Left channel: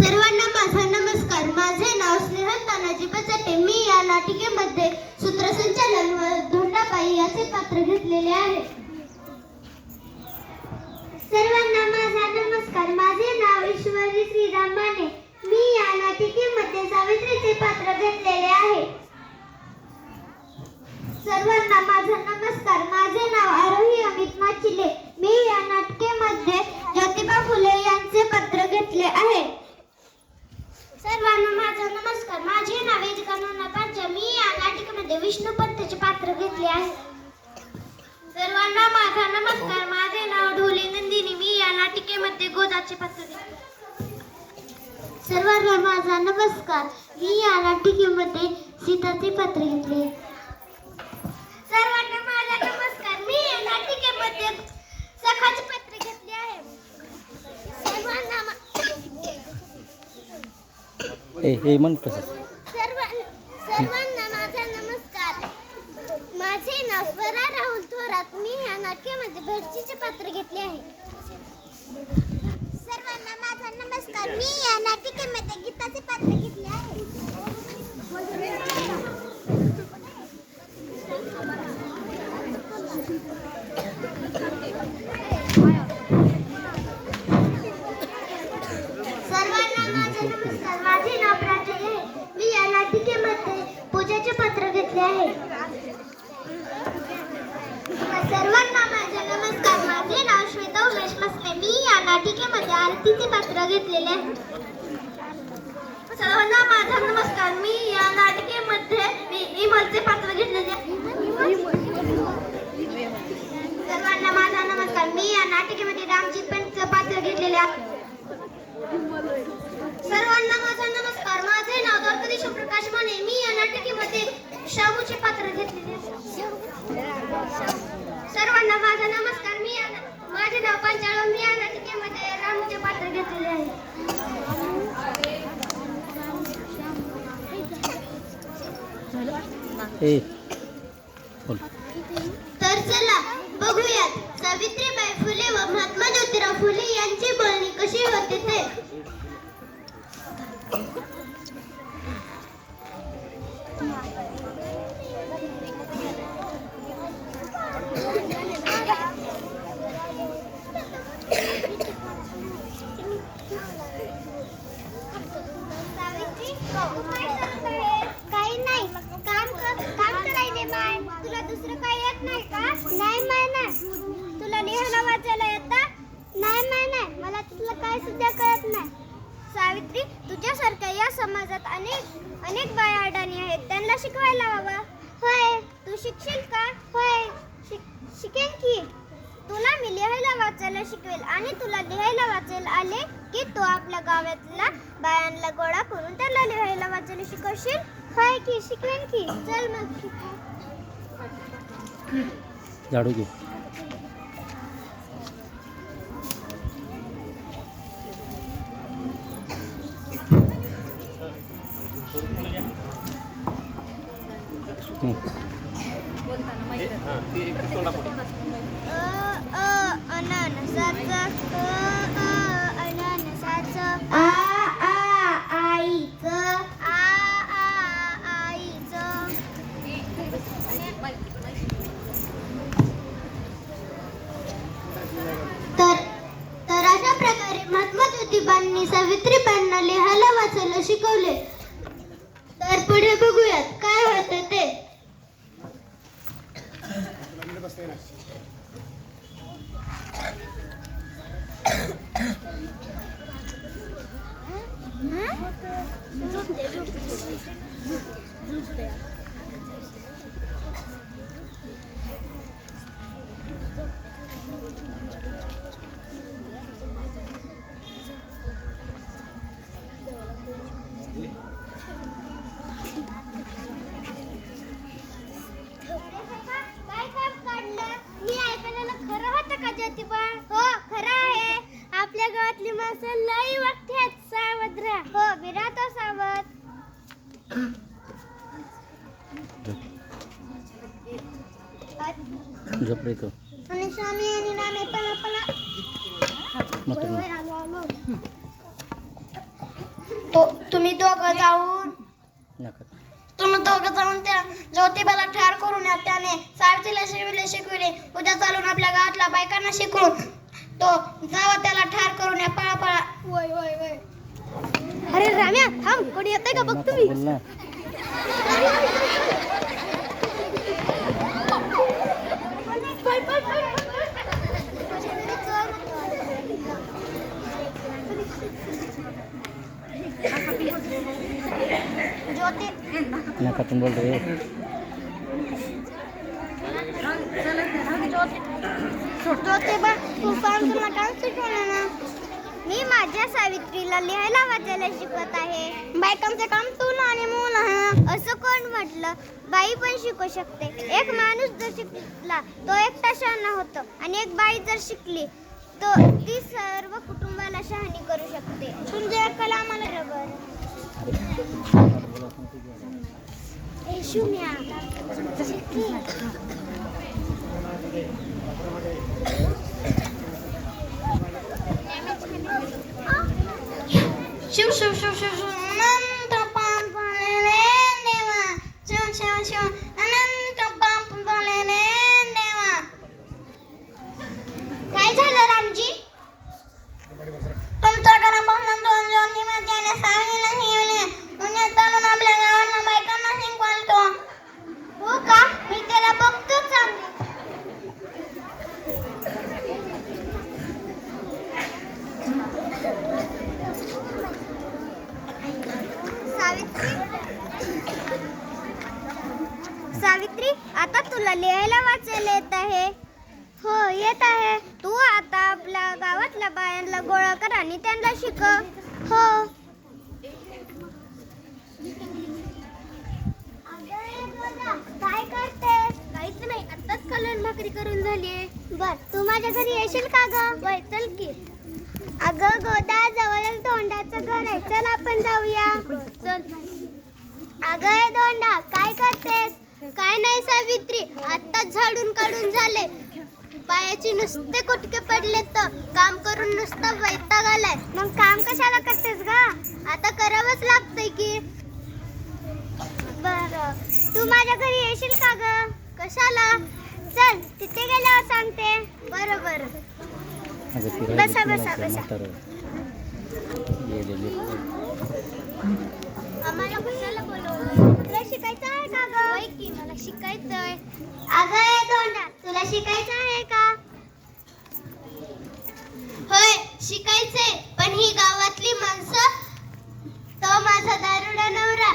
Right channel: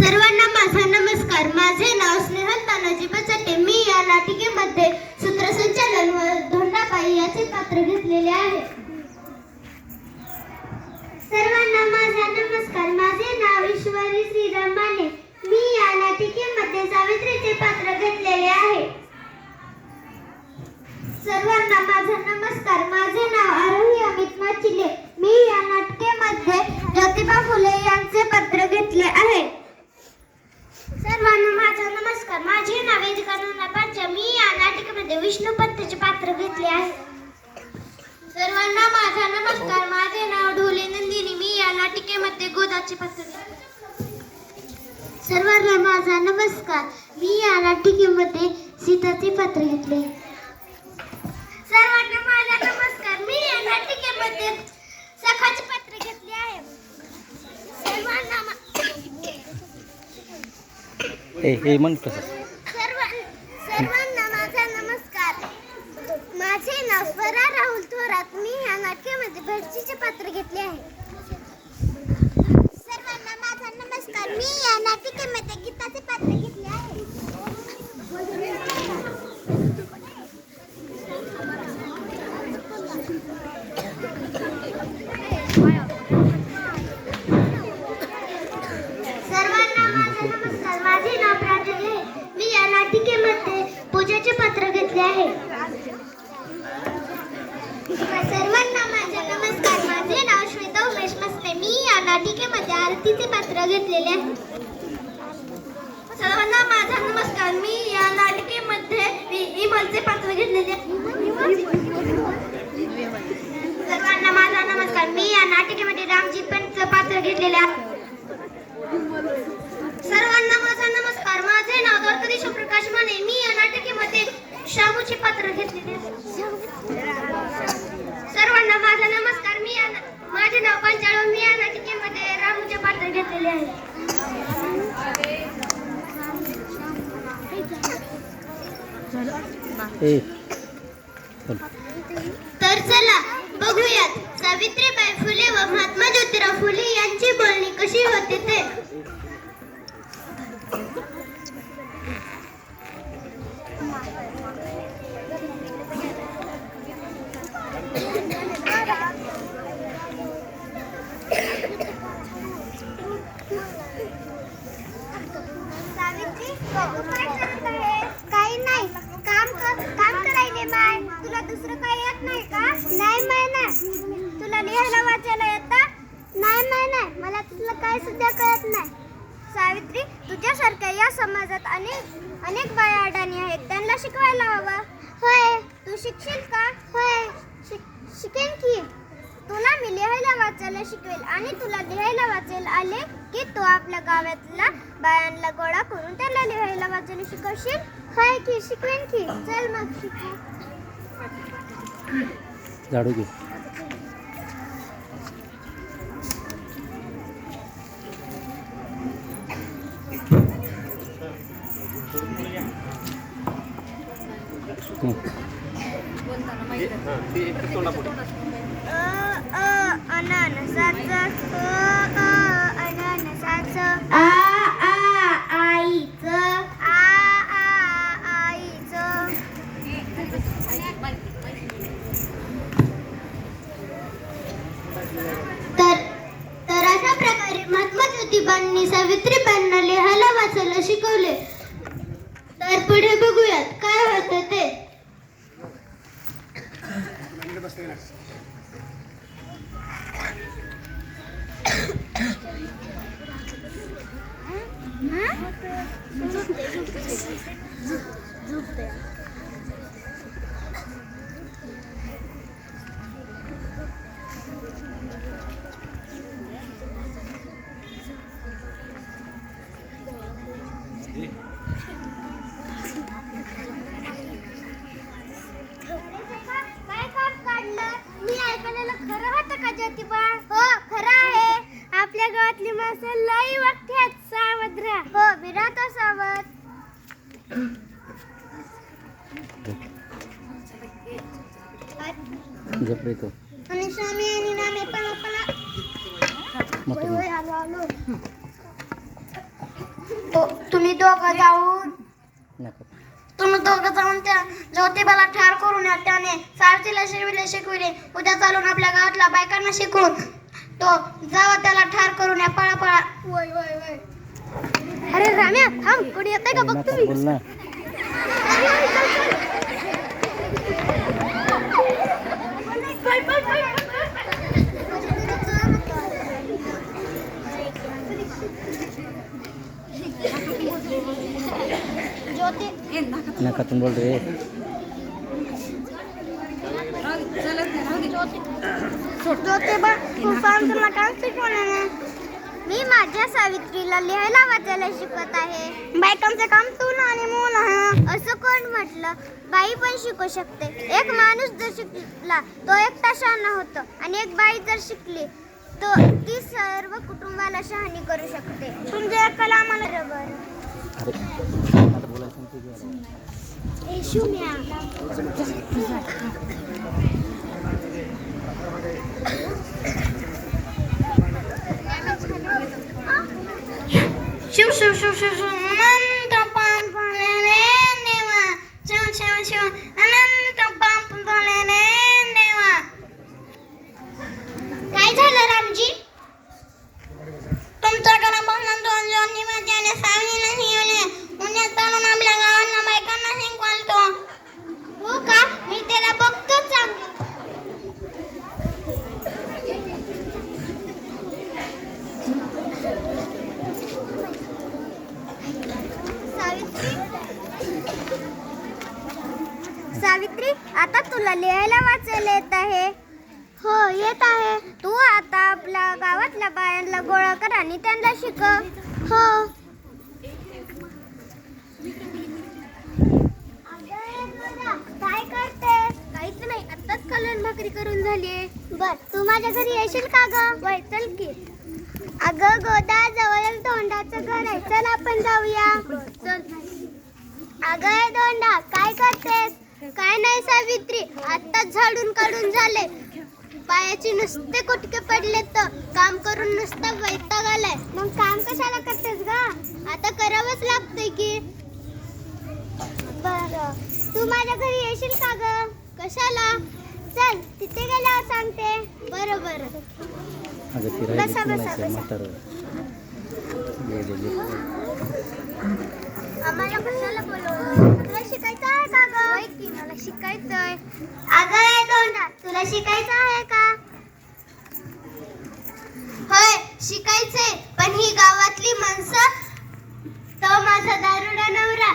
सर्वांना माझा नमस्कार. माझे नाव स्नेहल तानाजी बचटे. मी या नाटिकेमध्ये सूत्रसंचालन व धोंडाबाई याचे पात्र घेतलेले आहे. सर्वांना माझा नमस्कार. माझे नाव ईश्वरी श्रीराम माने. मी या नाटिकेमध्ये सावित्रीचे पात्र घेतलेले आहे. सर्वांना माझा नमस्कार. माझे नाव आरोही अमित माचिले. मी या नाटिकेमध्ये ज्योतिबा फुले यांचे पात्र घेतले आहे. सर्वांना माझा नमस्कार. माझे नाव वेदिका नाना पांचा. मी या नाटिकेमध्ये विष्णुपंतचे पात्र घेतले आहे. सर्वांना माझा नमस्कार. माझे नाव ढोले नंदिनी. मी या नाटिकेमध्ये गोदाचे पात्र घेतले. सर्वांना माझा नमस्कार. मी या नाटिकेमध्ये सीताचे पात्र घेतले. सर्वांना माझा नमस्कार. मी या नाटिकेमध्ये सखाचे पात्र घेतले आहे. सर्वांना माझा नमस्कार. माझे नाव स्वरा राहुल थोरात. मी या नाट्यामध्ये भेटसीचे पात्र घेतले आहे. सर्वांना माझा नमस्कार. मी या नाटिकेमध्ये गीताचे पात्र घेतले आहे. सर्वांना माझा नमस्कार. माझे नाव प्राजली आहे. मी या नाटिकेमध्ये पूजेचे पात्र घेतले आहे. सर्वांना माझा नमस्कार. माझे नाव श्वेता उमेश मस्ते. मी या नाटिकेमध्ये आरतीचे पात्र घेतलेले आहे. सर्वांना माझा नमस्कार. मी या नाटिकेमध्ये इमलचे पात्र घेतलेले आहे. सर्वांना माझा नमस्कार. मी या नाटिकेमध्ये रामजी पंतचे पात्र घेतलेले आहे. सर्वांना माझा नमस्कार. माझे नाव द्वारकाधीश प्रकाश माने. मी या नाटिकेमध्ये शामूचे पात्र घेतलेले आहे. सर्वांना माझा नमस्कार. माझे नाव पंचाळ. मी या नाटिकेमध्ये रामूचे पात्र घेतलेले आहे. तर चला बघूयात सावित्रीबाई फुले व महात्मा ज्योतिराव फुले यांची बोलणी कशी होते ते. सावित्री, तू काय करत आहेस? काही नाही, काम करायले माय. तुला दुसरं काही येत नाही का? नाही माय ना. तुला लिहायला वाचायला येतं? नाही माय नाही, मला तुला काही सुद्धा कळत नाही. सावित्री, तुझ्यासारख्या या समाजात अनेक बाया अडाणी आहेत. त्यांना शिकवायला हवं. होय, तू शिकशील का? होय, शिकेन की. तुला मी लिहायला वाचायला शिकवेल आणि तुला लिहायला वाचायला आले की तू आपल्या गावातल्या बायांना गोळा करून त्याला लिहायला वाचायला शिकवशील. होय की, शिकवेन की. चल मग शिकू. झाडू घे. अननसाचं अननसाचं आ आईचं आईचं. तर अशा प्रकारे महात्मा ज्योतिबांनी सावित्रीबाईंना लिहायला वाचायला शिकवले. तर पुढे बघूयात काय होतं ते. मी ऐकलेलं खरं होतं का ज्योतिबा? हो, खरं आहे. आपल्या गावातली माणसं लई वागतात. सावध राहा. हो, मी राहतो सावध. झोपले तो आणि स्वामी आणि नामे पला पला. तुम्ही दोघं जाऊन त्या ज्योतिबाला ठार करून या. त्याने सारथीला शिकविले. उद्या चालून आपल्या गावातल्या बायकांना शिकवून तो जावा त्याला ठार करून या. पळा पळा. अरे राम्या थांब, कोणी येतंय का बघ तुम्ही. नका तुम बोल रहे ज्योतिबा तू सांग, तुला काय शिकवलं ना. मी माझ्या सावित्रीला लिहायला वाचायला शिकवत आहे. बायकांचं काम तू आणि मुलं. असं कोण म्हटलं? बाई पण शिकू शकते. एक माणूस जर शिकला तो एकटा शहाणा होतो, आणि एक बाई जर शिकली तो ती सर्व कुटुंबाला शहाणी करू शकते. तुमच्या कला आम्हाला बरोबर. शिव शिव शिव शिव अनंत पाप झालेले देवा. शिव शिव शिव अनंत पाप झालेले देवा. काय झालं रामजी? तुमच्याकडे बघून दोन ज्योतिबाने सावलीला शिवले. उन्हात चालून आपल्या गावातल्या बायकांना शिकवतो. हो का? मी त्याला बघतोच चांगली. सावित्री, आता तुला लिहायला वाचायला येत आहे? हो येत आहे. तू आता आपल्या गावातल्या बायांना गोळा कर आणि त्यांना शिकव. हो. काय करतेस? काहीच नाही, आताच कलर भाकरी करून झालीये. बर, तू माझ्या घरी येशील का ग? वय चल की. अगं गोदा, जवळ धोंडाचं घर आहे, चल आपण जाऊया. अगं धोंडा, काय करतेस? काय नाही सावित्री, आत्ताच झाडून काढून झाले. पायाची नुसते कुटके पडले, तर काम करून नुसता वैताग आलाय. मग काम कशाला करतेस गा? आता करावंच लागतंय की. बरं, तू माझ्या घरी येशील का ग? कशाला? चल तिथे गेल्यावर सांगते. बरं बरं. बसा बसा बसा. आम्हाला कशाला बोलवलं? तुला शिकायचं आहे का ग? होय की, मला शिकायचंय. अगं धोंडा, तुला शिकायचं आहे का? होय शिकायचंय, पण ही गावातली माणसं, तो माझा दारुडा नवरा.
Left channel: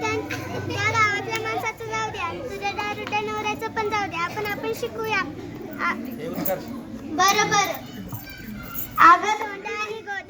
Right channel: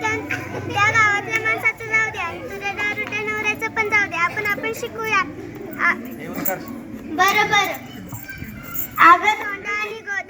त्या गावातल्या माणसाचं जाऊ द्या, तुझ्या दारुड्या नवऱ्याचं पण जाऊ द्या. आपण शिकूया. बरं बरं. अगं